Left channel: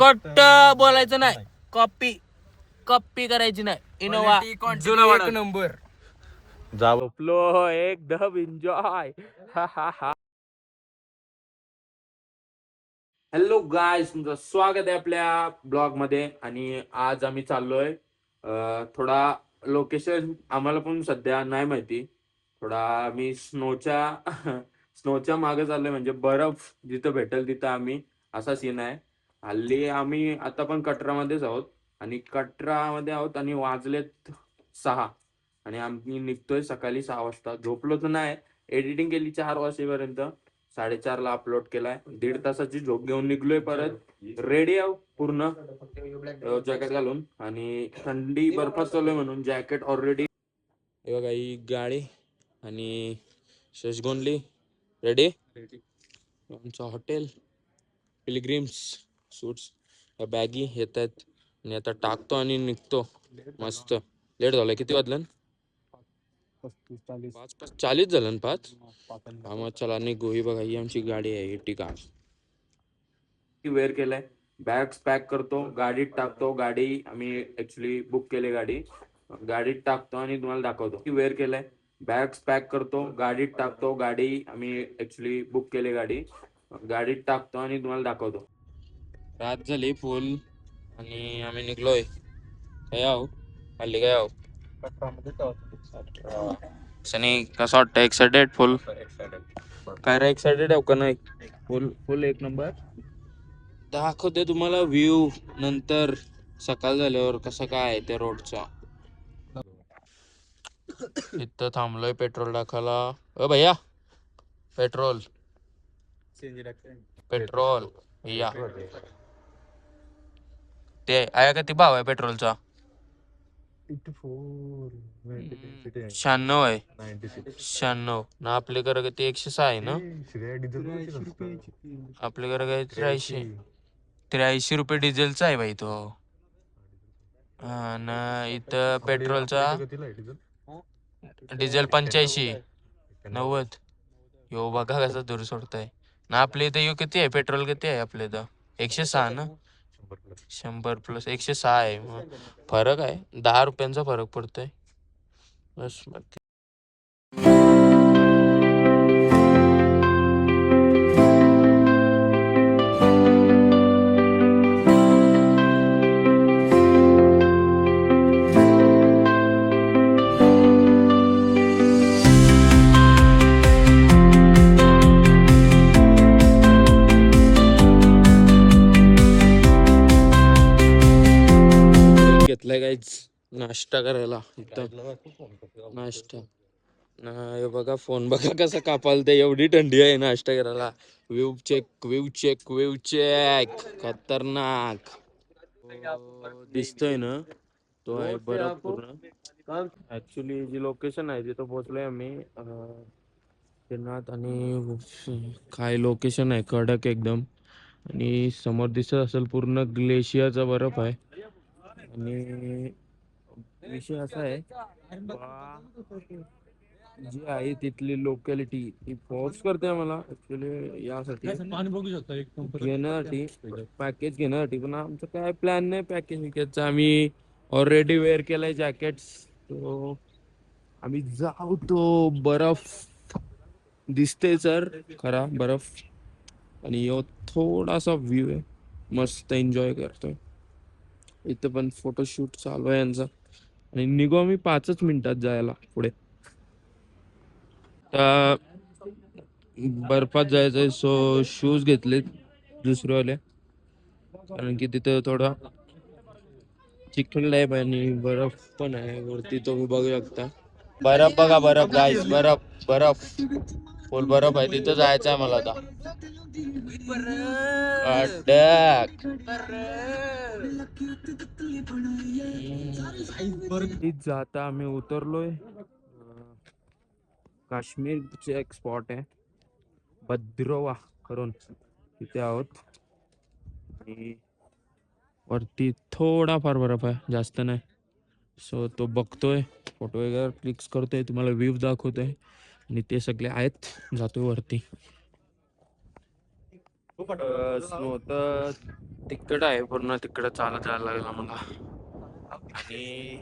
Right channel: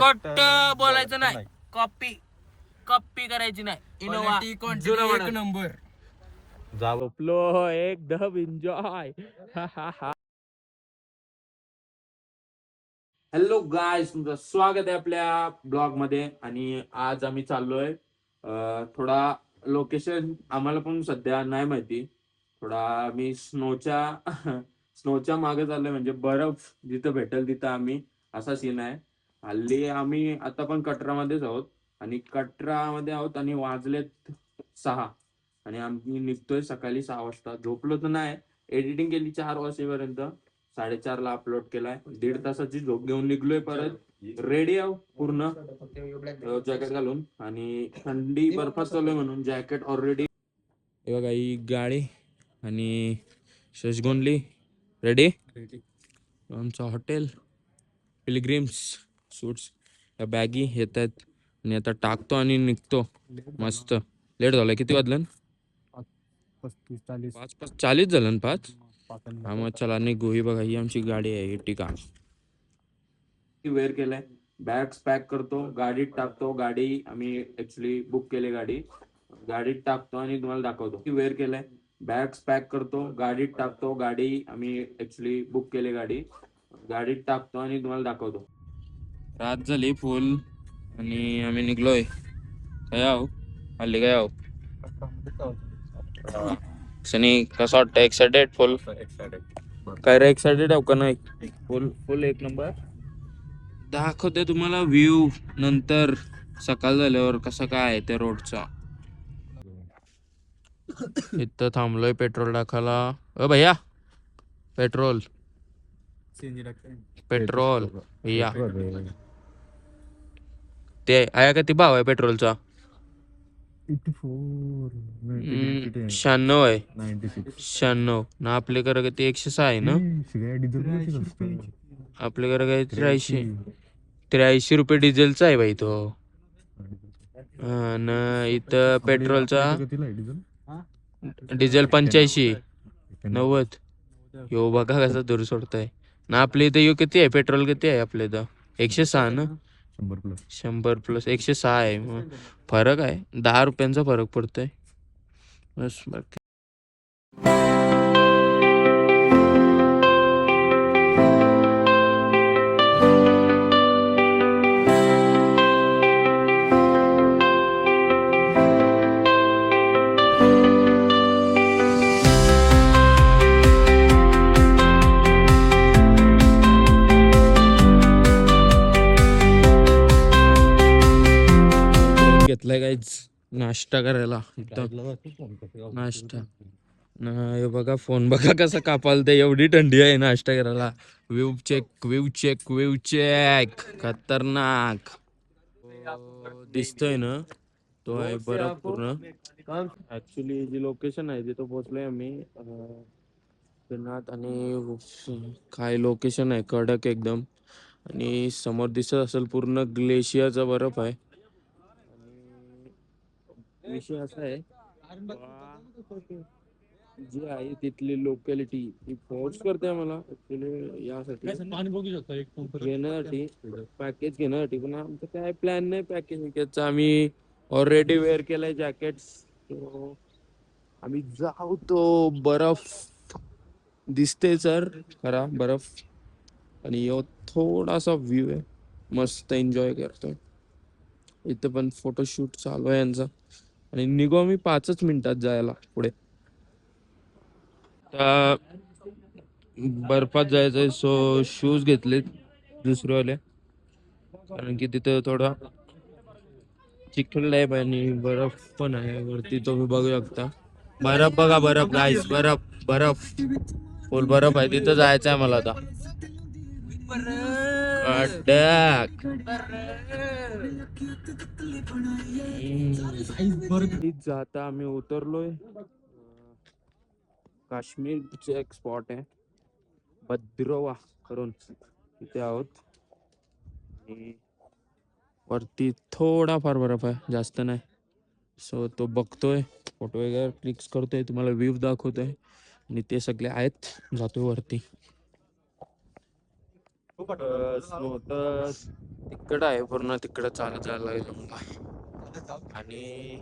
Cut बोलायचं नाही, copy copy करायची नाही. इनोवा एक नंबर. झोपलो एकदम एन्जॉय. हॅलो गायस, तुमचं स्वागत आहे आपल्या ब्लॉग मध्ये. आणि आज आम्ही चाललोय थोडा लोकेशन आम्हाला पण सध्या नाही माहिती. थोडा आम्ही स्नोच्या मागे चाललोय, म्हणजे बर्फ जिथं भेटेल तिथं आम्ही, असा सीन आहे. हल्ली आम्ही आता पण कटरामध्येच आहोत आणि कटरामध्ये आहोत आणि वाजलेत 6 आणि आम्ही निघतोय सकाळी 6 वाजता. झोपलो तर नाही, एडिटिंग केली 4 वाजेपर्यंत, 4:30ला अपलोड केलाय. 1.5 तासाची झोप घेऊन निघलोय. परत रेडी आहो पूर्ण जॅकेट घालून, आणि थंडी बर्फात चाललोय म्हणून जॅकेट ऑलरेडी. बघा ही गाडी आणि शशगोनली रेडी. आमचं हॉटेल पिलग्रिम्स सूट्स या बॅगी येत आहेत आणि आता टाकतो आणि निघतो. मस्त लेट झालं. किती वाजलं? 40 झालं ना? 5 हा, मग चला निघू. ही बघा, ही आमची गाडी आहे. ही ठिकाण वेअर केलंय. बॅग्स पॅक करतो, गाडीत टाकतो. गाडी आम्ही ऍक्च्युली बुक केली, गाडीत टाकतो आणि तुम्हाला दाखवतो. वेअर केलंय, बॅग्स पॅक करतो, गाडीत टाकतो. गाडी आम्ही ऍक्च्युली बुक केली, गाडीत टाकतो आणि तुम्हाला दाखवतो. रात झाली फुल आणि आम्ही निघलोय. काय आहो हल्ली काय आहो सनी, कसं वाटतं? एक्सायटेड? फुल काय रे, एक्सायटेड आहे का नाही? फुल एक नंबर. दाखवते तुम्हाला व्ह्यू नंतर सकाळ झाल्यावर कसा काय आहे त्या रोडचा. इथं थांबलोय पेट्रोल टाकायला. ओ भैया, पेट्रोल या. ते आया किती भाव आहे पेट्रोलचा? 96 आहे. 96 ना. आपल्याकडे किती? 106 आहे ना. आपल्याकडे काय 83 रुपये डिझेलचा आहे बाई तो. ना इथं पेट्रोलचा डिझेल 85 90. यो बघा कसं दूर सोडताय ना. आपल्या इथं यो किती आहे पेट्रोल? किती आहे आपल्या इथं? 106 ना. 100+. 106 आहे. मग फरक आहे, 10 रुपयांचा फरक पडतोय बस. बाकी घेतलाय काहीच नाश्ता करायला. नाश्ता हे बघा, फोन बघा कसा कापालते. एवढी थंडी आहे नाश्ता करायला. व्यू चेक खतरनाक दिसतोय ना. तो आहे बरं पूर्ण. ऍक्च्युली जी लोकेशन आहे तिथं पोहोचलोय आम्ही. आणि काय लोकेशन आहे, कडक एकदम. आणि समोर दिसत असेल पूर्ण ग्लेशियरचा बर्फ आहे. आणि विषय असा आहे, जी आहे तिथली लोकॅलिटी ही फोर्स करते मला ऍक्च्युली यासाठी घेण्यासाठी, पॅकेज घेण्यासाठी. पण आमचं काय प्लॅन नाही पॅकेज विकेजचा. आम्ही ऑलरेडी वेअर केलंय जॅकेट्स. तो आम्ही जाऊ. तो बर्फ दिसते सर, खरा बर्फ. आणि यो थोडासा व्ह्यू आहे, मस्त एन्जॉय करतोय. इथं पण फोटोशूट चालू आहे यांचा. आणि निघू आम्ही 5च मिनिटात जायला पुढे. बर्फात जायचंय, सो शूज घेतलेत दुसरेवाले, कारण की तिथं थोडा चिखल आहे आणि बर्फ पण आहे वरती. तुम्ही बघू शकता बर्फ. बघा बर्फ गाईस, बर्फ फुल बर्फ आहे. तिथं जायचं आहे मला आता. जाता आम्ही उतरलोय. काश्मीरचे एक स्पॉट आहे भद्रवा करून, तिथे आहोत. आणि वरती थोडाफार बर्फ आहे, जास्त नाही. सो तो बघतोय, फोटो वगैरे क्लिक्स करतोय, तुम्हाला व्ह्यू दाखवतोय. आणि ते सगळे आहेत. जातो वरती. स्नो तर तिकडं आहे, पूर्ण तिकडं चालत जायला लागेल आम्हाला. आणि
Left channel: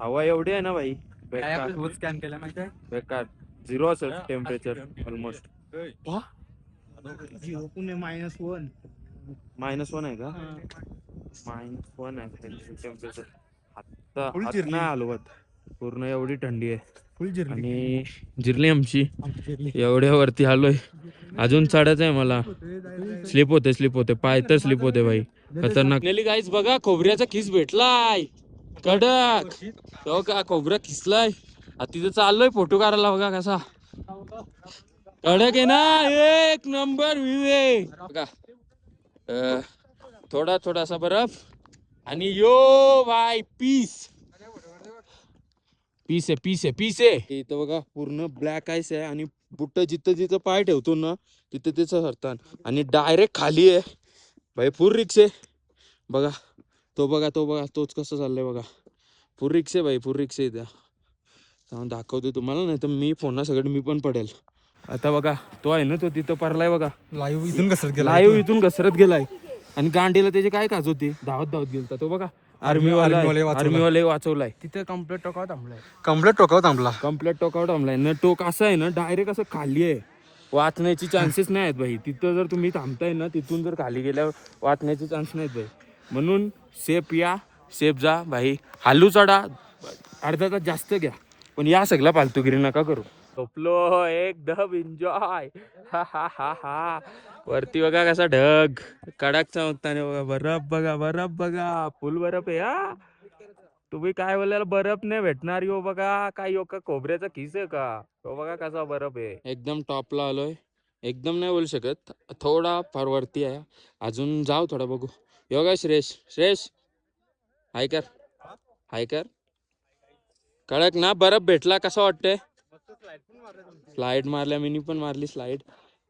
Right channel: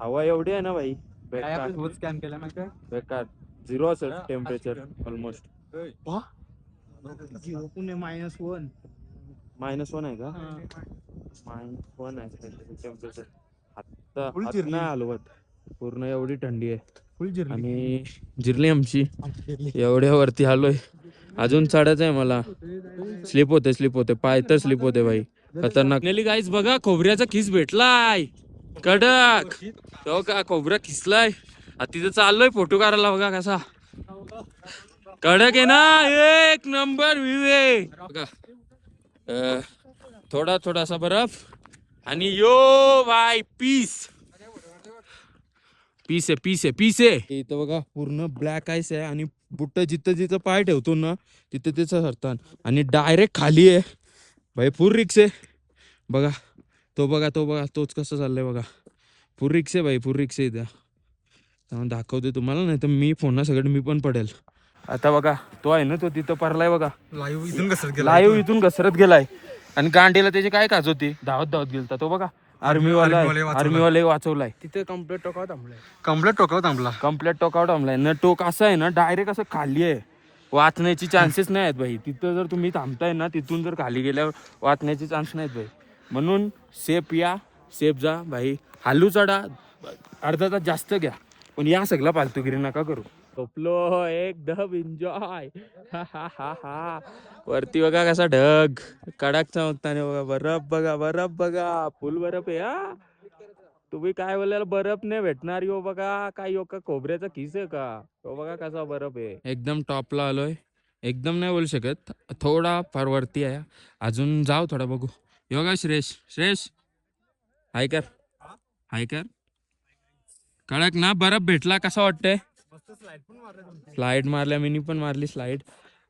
हवा एवढी आहे ना भाई, बेकार स्कॅन केला माहिती बेकार. 0 असेल टेम्परेचर ऑलमोस्ट. -1 -1 आहे का? -1 आहे टेम्परेचर. आता फुल हात जिरली. नाही हलवत, पूर्ण एवढी थंडी आहे. फुल जिरली. आणि जिरली आमची, एवढ्या वरती आलोय. अजून चढायचं आहे मला. स्लिप होते पाय तर स्लिप होते भाई, खतरनाक. नेली गाईज बघा, खोबऱ्याचा किस भेटलाय कडक. तो का खोबरा किसलाय. तिथं चाललोय फोटो काढायला, बघा कसा कडक आहे ना, एक नंबर व्ह्यू आहे बघा. थोडासा बर्फ आणि यो भाई पीस आहे इथं बघा. पूर्ण ब्लॅक आईस आहे आणि बुट्टा जिथं पाय ठेवतो ना तिथं त्याचं हरतान, आणि डायरेक्ट खाली आहे भाई. फुल रिक्स आहे बघा. तो बघा तोच कसा चाललाय बघा. फुल रिक्स आहे भाई, फुल रिक्स आहे इथं. त्यामुळे दाखवते तुम्हाला, नाही तर मी फोन सगळं मी पण पडेल. आता बघा तो आहे ना, तो तिथं पडलाय बघा. लाईव्ह इथून घसरत गेलाय. आणि गांडीला त्याची काय काज होती, धावत गेलता तो बघा. आर्मीवाले वाचवलाय. तिथे कम्प्लीट टोकावर थांबलाय ना. टोक असं आहे ना, डायरेक्ट असं खाली आहे, वाचण्याची चान्सेस नाही आहेत भाई. तिथं जर तुम्ही थांबताय ना, तिथून जर खाली गेल्यावर वाचण्याचे चान्स नाहीत भाई. म्हणून सेफ या, सेफ जा भाई. हालू चढा, अर्धा तास जास्त घ्या, पण या सगळ्या फालतूगिरी नका करू. झोपलो एकदम एन्जॉय. हा वरती बघा कसा ढग कडक चमकताना बघा. बरफ बघा, फुल बरफ आहे हा. तुम्ही काय बोलाल, बरफ नाही भेटणार यो बघा. काय यो का खोबऱ्याचा किस आहे का? तो बघा कसा बरफ आहे. एकदम टॉपला आलोय. एकदम नाही बोलू शकत, थोडा फार वरती आहे. अजून जाऊ थोडा, बघू. योगा श्रेष हाय कर. कडक ना बरफ भेटला, कसा वाटतंय? स्लाइड मारल्या, मिनी पण मारली स्लाइड.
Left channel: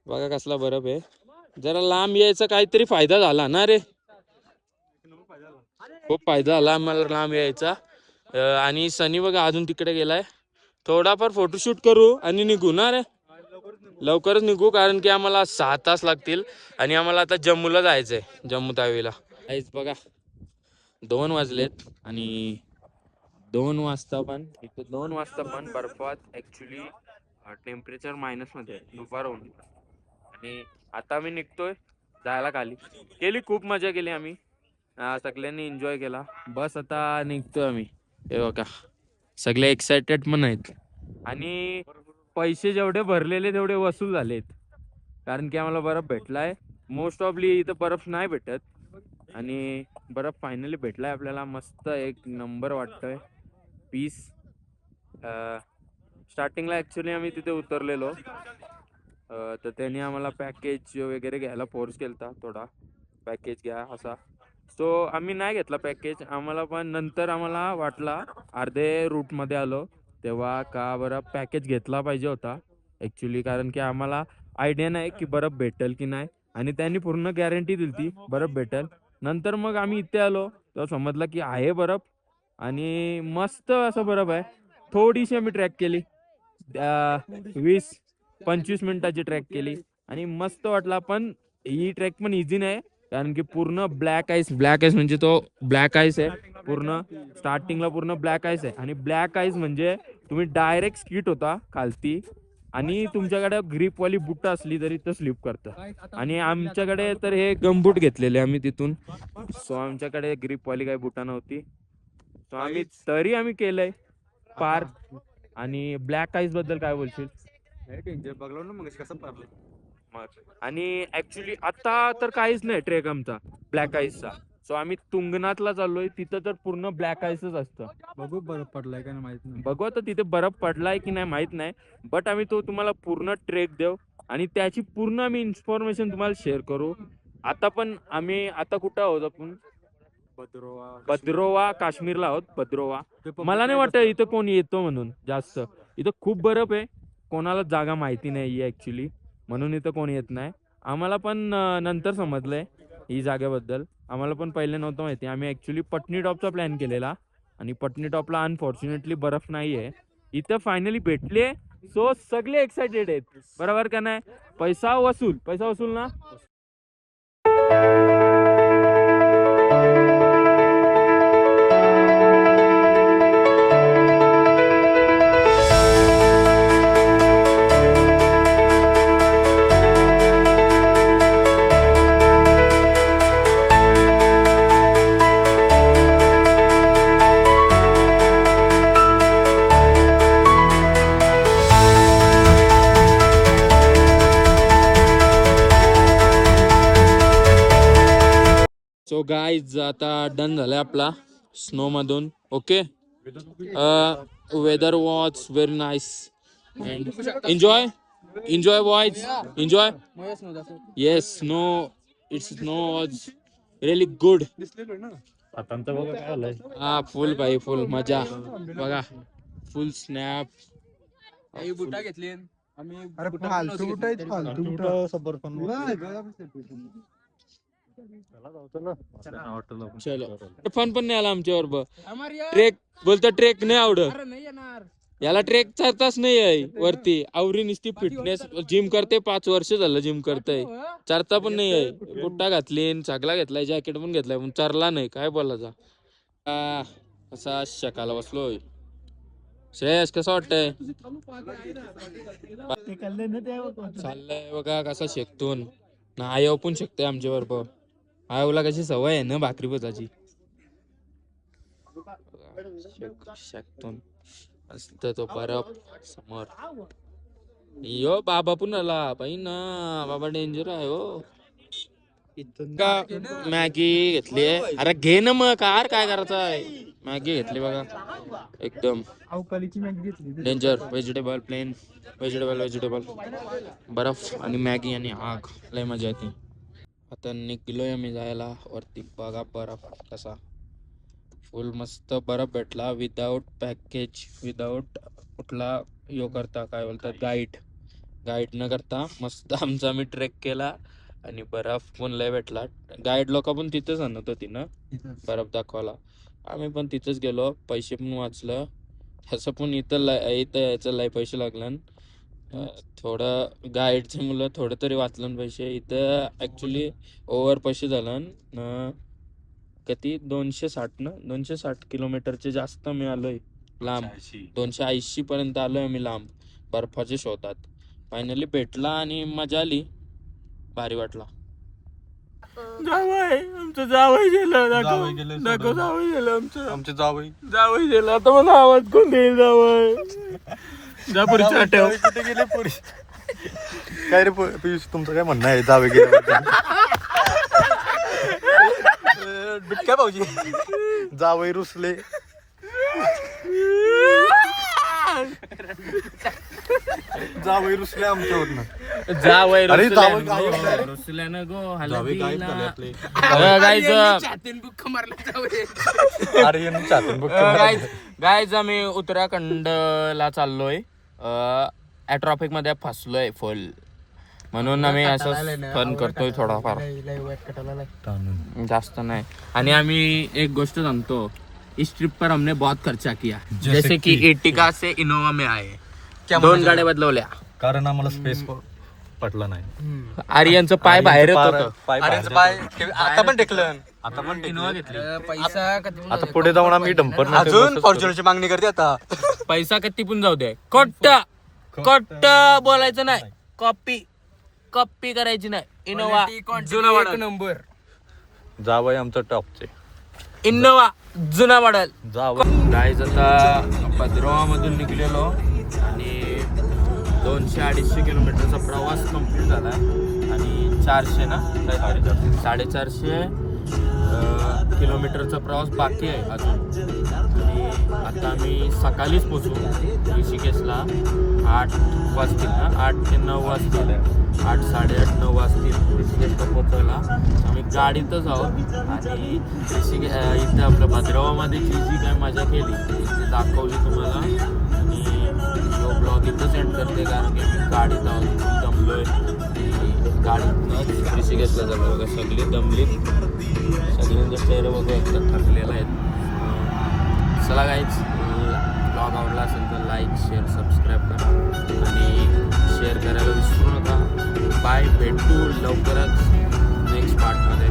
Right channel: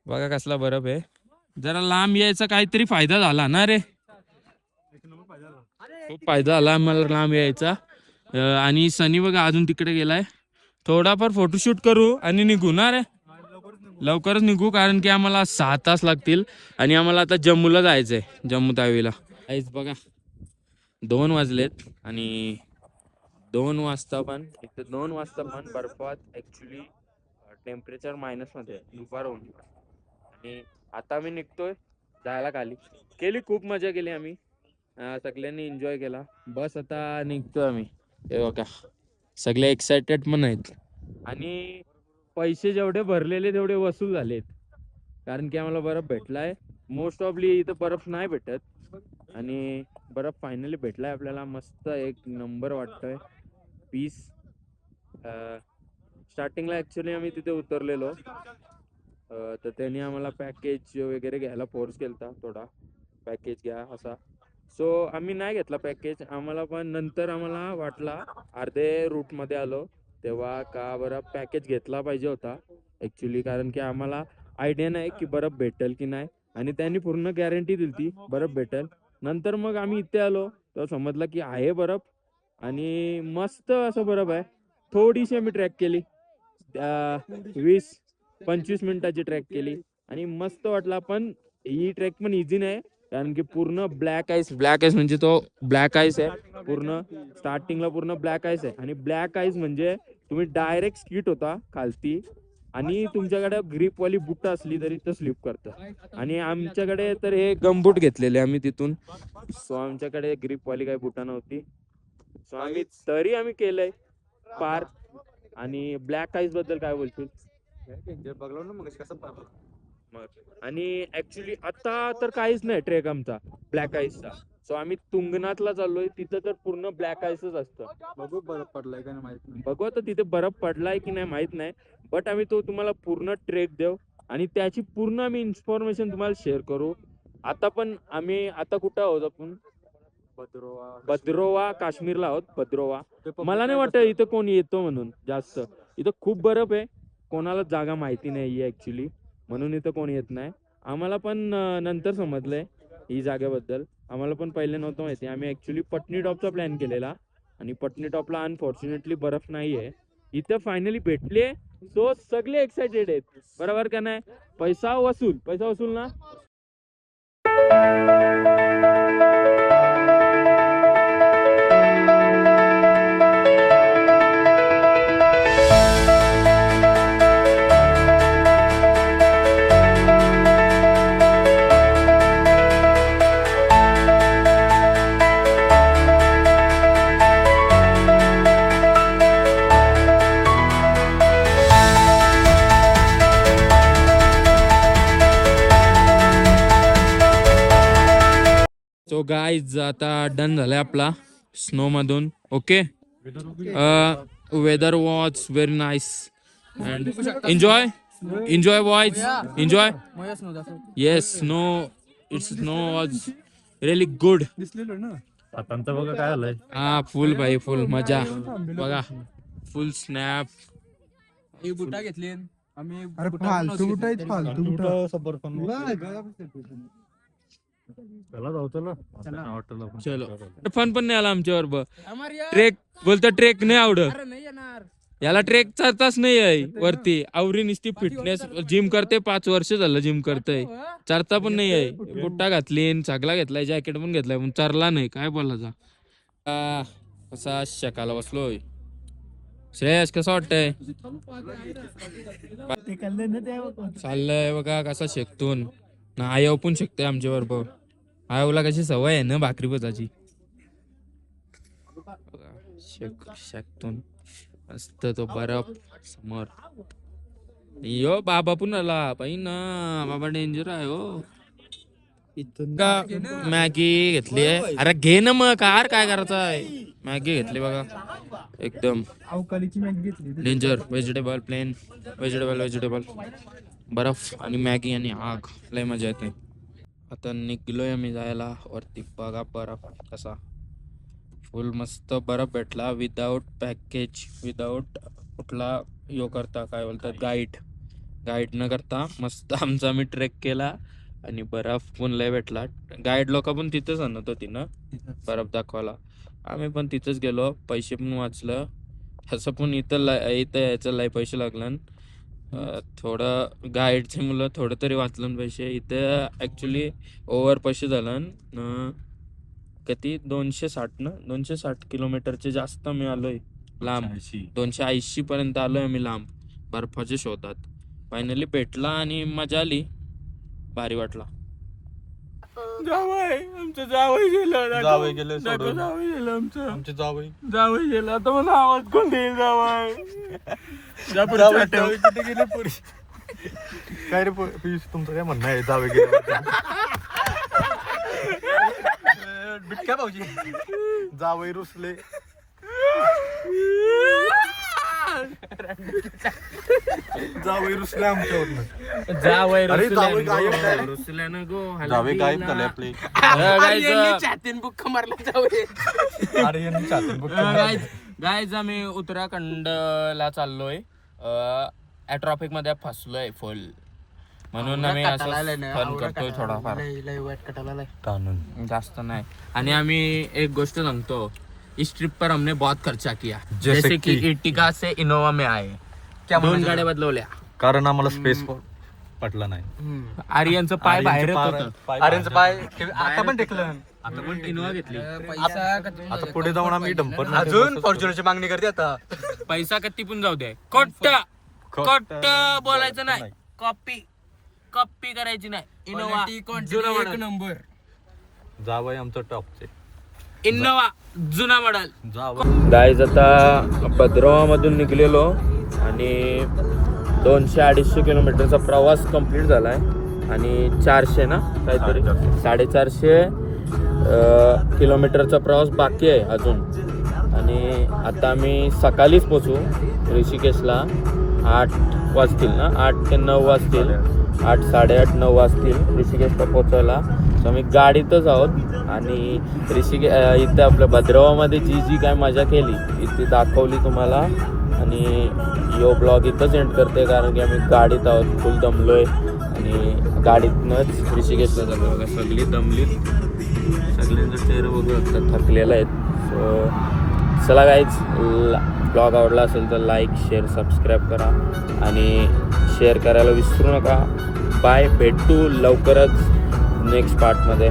बघा कसला बरफ आहे. जरा लांब यायचा काहीतरी फायदा झाला ना रे. खूप फायदा झाला मला लांब यायचा. आणि सनी बघा अजून तिकडे गेलाय. थोडाफार फोटोशूट करू आणि निघू ना रे. लवकरच निघू, कारण की आम्हाला 6 तास लागतील. आणि आम्हाला आता जम्मूला जायचंय, जम्मू तावीला. बघा 2 वाजलेत आणि 2 वाजता पण इथे 2 वाजता पण बर्फात ऍक्च्युली टेम्परेचर मायनस मध्ये दुपार होऊन. आणि आता आम्ही निघतोय जायला खाली. खूप मजा केली आम्ही, सगळ्यांनी एन्जॉय केला. बस आता निघतो आम्ही. हे बघा सगळे एक्साइटेड पण आहेत. आणि पैसे जेवढे भरलेले तेवढे वसूल झालेत, कारण की आम्हाला बर्फ भेटलाय. मोस्ट ऑफली इथं बर्फ नाही भेटत, आणि बर्फ फायनली भेटलाय आपल्याला. मस्त एक नंबर वाटतोय, पीस. स्टार्टिंगला ॲक्च्युली आम्ही तिथे उतरलेलो, तर त्यांनी आम्हाला पॅकेज वगैरे घ्यायला फोर्स केलता, थोडा पॅकेज घ्या असा. सो आम्ही नाही घेतला पॅकेज. आम्हाला पण नंतर आम्हाला वाटला, अर्धे रूटमध्ये आलो तेव्हा, का बरं पॅकेज घेतला पाहिजे होता ॲक्च्युली, कारण की आम्हाला आयडिया नाही की बर्फ भेटेल की नाही. आणि त्यांनी पूर्ण गॅरंटी दिली ती बर्फ भेटेल. नंतर मग आम्ही इथे आलो तेव्हा समजलं की आहे बर्फ, आणि मस्त असं बर्फ आहे. थोडीशी आम्ही ट्रॅक केली, 20-25 मिनिटाची ट्रॅक केली, आणि मस्त वाटला. पण ही ट्रॅक पण इझी नाही, कारण की पूर्ण ब्लॅक आईस म्हणजे तो ब्लॅक आईस आहे पूर्ण. स्टार्टिंगला पूर्ण ब्लॅक आईस आहे, आणि ब्लॅक आईस म्हणजे तुम्ही डायरेक्ट स्किट होता खालती. आणि तुमच्याकडे ग्रीपवाली बुट असली तरी तर स्लिप करतं. आणि आमच्याकडे तर हे गमबूट घेतलेले आम्ही तिथून. सो आमच्याकडे ग्रीपवाली काही बुटा नव्हती. सो आम्ही केलंय पार. आणि ब्लॅक आईस बद्दल काय बोलशील? बघलो ना मग कसं मग आणि ऍक्च्युली आता तर काहीच नाही ट्रेक आमचा ब्लॅक आईसचा. सो आम्ही तुंगनाथला चाललोय, तिथं तर पूर्ण ब्लॅक आईसच असतं. बघू बरं पडलाय का नाही माहित नाही. बघू आता तिथे बर्फ पडलाय की नाही माहित नाही, बट आम्ही तो तुम्हाला पूर्ण ट्रेक देऊ, आणि त्याची पूर्ण आम्ही इन्फॉर्मेशन तुम्हाला शेअर करू. आता पण आम्ही आता कुठं आहोत आपण? भद्रोवा काश्मीरला आहोत. भद्रोवा. मला नाही वाटत इथं कोण येतो म्हणून जास्त. इथं खूप बर्फ आहे, कोणाला जागा माहिती नाही ऍक्च्युली, म्हणून इथं कोण येत नाही. आम्हाला पण नंतर समजलंय ही जागेबद्दल. आम्हाला पण पहिले नव्हतं माहिती. आम्ही ऍक्च्युली पटनी टॉपचा प्लॅन केलेला, आणि पटनी टॉपला अनफॉर्च्युनेटली बर्फ नाहीये. इथं फायनली भेटले. सो सगळे एक्साइटेड आहेत, बरोबर का नाही? पैसा वसूल ना. सो गाईज आता डन झालाय आपला स्नो मधून. Okay, weather was very nice and enjoy boys, enjoy. Yes, snow was really good. आता बघा काय झालंय. हा, फुल भाई, फुल मजा बघा, फुल स्नॅप. बुटा घेतली आम्ही. अरे फालतू बुट आहेत, फालतू चलो, फन पण नाही आला आमच्या बरोबर. ट्रेक बोलतो, ट्रेक नाही आवडत याला, ट्रेक चालताच नाही आहे वरती. आवरी नुसती फिटनेस जिम करते, 5 वर्ष झालं जिम करतय, चरता पण नाही आहे. बुट्टा घातली, चागला घेतलाय, जॅकेट पण घेतलाय, पण चरला नाही. काय बोलायचा. असा शकाला बसलोय. श्रेयस कसं वाटतंय? चाललंय बघा कसा शेकतून ना. आयव पण शकते आमच्या बरोबर. आयवला कशी सवय आहे ना भाकरी पचाची. शेकतून मस्त तो बर्फ समोर. यो बाबा पण आला पाहि ना. बाबा डेंजर आहे हो. मॅगी घेतली आहे. अरे घे ना मग, कार काय करायचं आहे. मॅगी घेतली बघा, एकदम अवकाळीची मॅगी घेतली. डेंजर. व्हेजिटेबल, प्लेन व्हेजिटेबल, बर्फ आणि मॅगी आणि आग. लय मजा येते. आता निघलोय आम्ही जायला वरती. बघा बर्फ कसा, फुल मस्त बर्फ भेटला. विदाउट पॅकेज, विदाउट कुठला यो करता, काय बोलतात, गाईड न करता मस्त आमचा आम्ही ट्रेक केला. आणि बर्फ पण लय भेटला. गाईड लोक पण तिथेच आणत होती ना बर्फ दाखवायला. आम्ही पण तिथेच गेलो, पैसे पण वाचलं. ह्याचं पण इथं यायचं लय पैसे लागलं. थोडं गाईडचे मुलं थोडं तरी वाचलं पैसे. इथं ऍक्च्युली ओव्हर पैसे झालं. किती 260 ना, 260 किलोमीटरचे जास्त मी आलोय लांब. 280 पर्यंत आलोय मी लांब बर्फाच्या शोधात. फायनली भेटला आणि मजा आली, भारी वाटला. जावई आमचं, जावई गेलं आमचं गेलं. आता मला आवाज कोण देईल? जावई जा पुढच्या पुरी काय रे पियुष, तुमचं काय म्हणणं आहे? जावे गेले बिटक्या भाऊजी, जावई रुसले. जावई रुसले आमच्यावरनं. जावई रुसल्यानं गो जावे काय गाईज आम्ही उत्तराखंडला चाललोय. ट्रॉफिक मध्ये फसलोय फुल, म्हणून आम्ही असं फन करतोय थोडाफार, जास्त नाही. आणि आम्ही एक गोष्ट सांगतो, इस ट्रिप पर हमने बहुत खर्चा किया. जैसे कि इर्टिगा से इनोवा में आए, 2 गाड्या बदलवल्या कारण आम्हाला स्पेस पटला नाही. आर्यनचं पाय बाहेर आर्यनचं पाय आता पण टेकलं. आता पण इनोवा घेतली. आता पुढे जाऊन आम्ही डंपर अजून फॉर्च्युनरची मागणी करते आता. पैसा किती पण जाऊ दे, खोट बोलायचं नाही. कॉपी करायची नाही. इनोवा एक नंबर. जावई आमचं टॉपचे. इनोवा जुना मॉडेल. गाईज आता भद्रवा मधून निघलेलो आणि 200-250 किलोमीटरचा प्रवास कंप्लीट झालाय. आणि 400 ना काहीतरी 450 किलोमीटरचा प्रवास बाकी आहे अजून. आणि आता आम्ही सकाळीच पोचू ऋषिकेशला. 8 वाजतील ना, 8 ते 9 वाजतील. 8, 8:30, 9 वाजतील ऋषिकेशला पोचायला. तर आम्ही गाडीतच आहोत. आणि इथे आपल्या भद्रवामध्ये जी काय मजा केली ती दाखवली तुम्हाला. आणि यो ब्लॉग इथंच एंड करते, कारण की आम्ही गाडीत आहोत, फुल दमलोय. आणि गाडीतनंच ऋषिकेशला झालो. बघा सगळी दमली, सगळ्यांचा चेहरा बघू थकलेला आहेत. चला गाईज, ब्लॉग आवडला असेल तर लाईक, शेअर, सबस्क्राईब करा आणि शेअर करायला विसरू नका. बाय, भेटू लवकरच. नेक्स्ट पार्टमध्ये.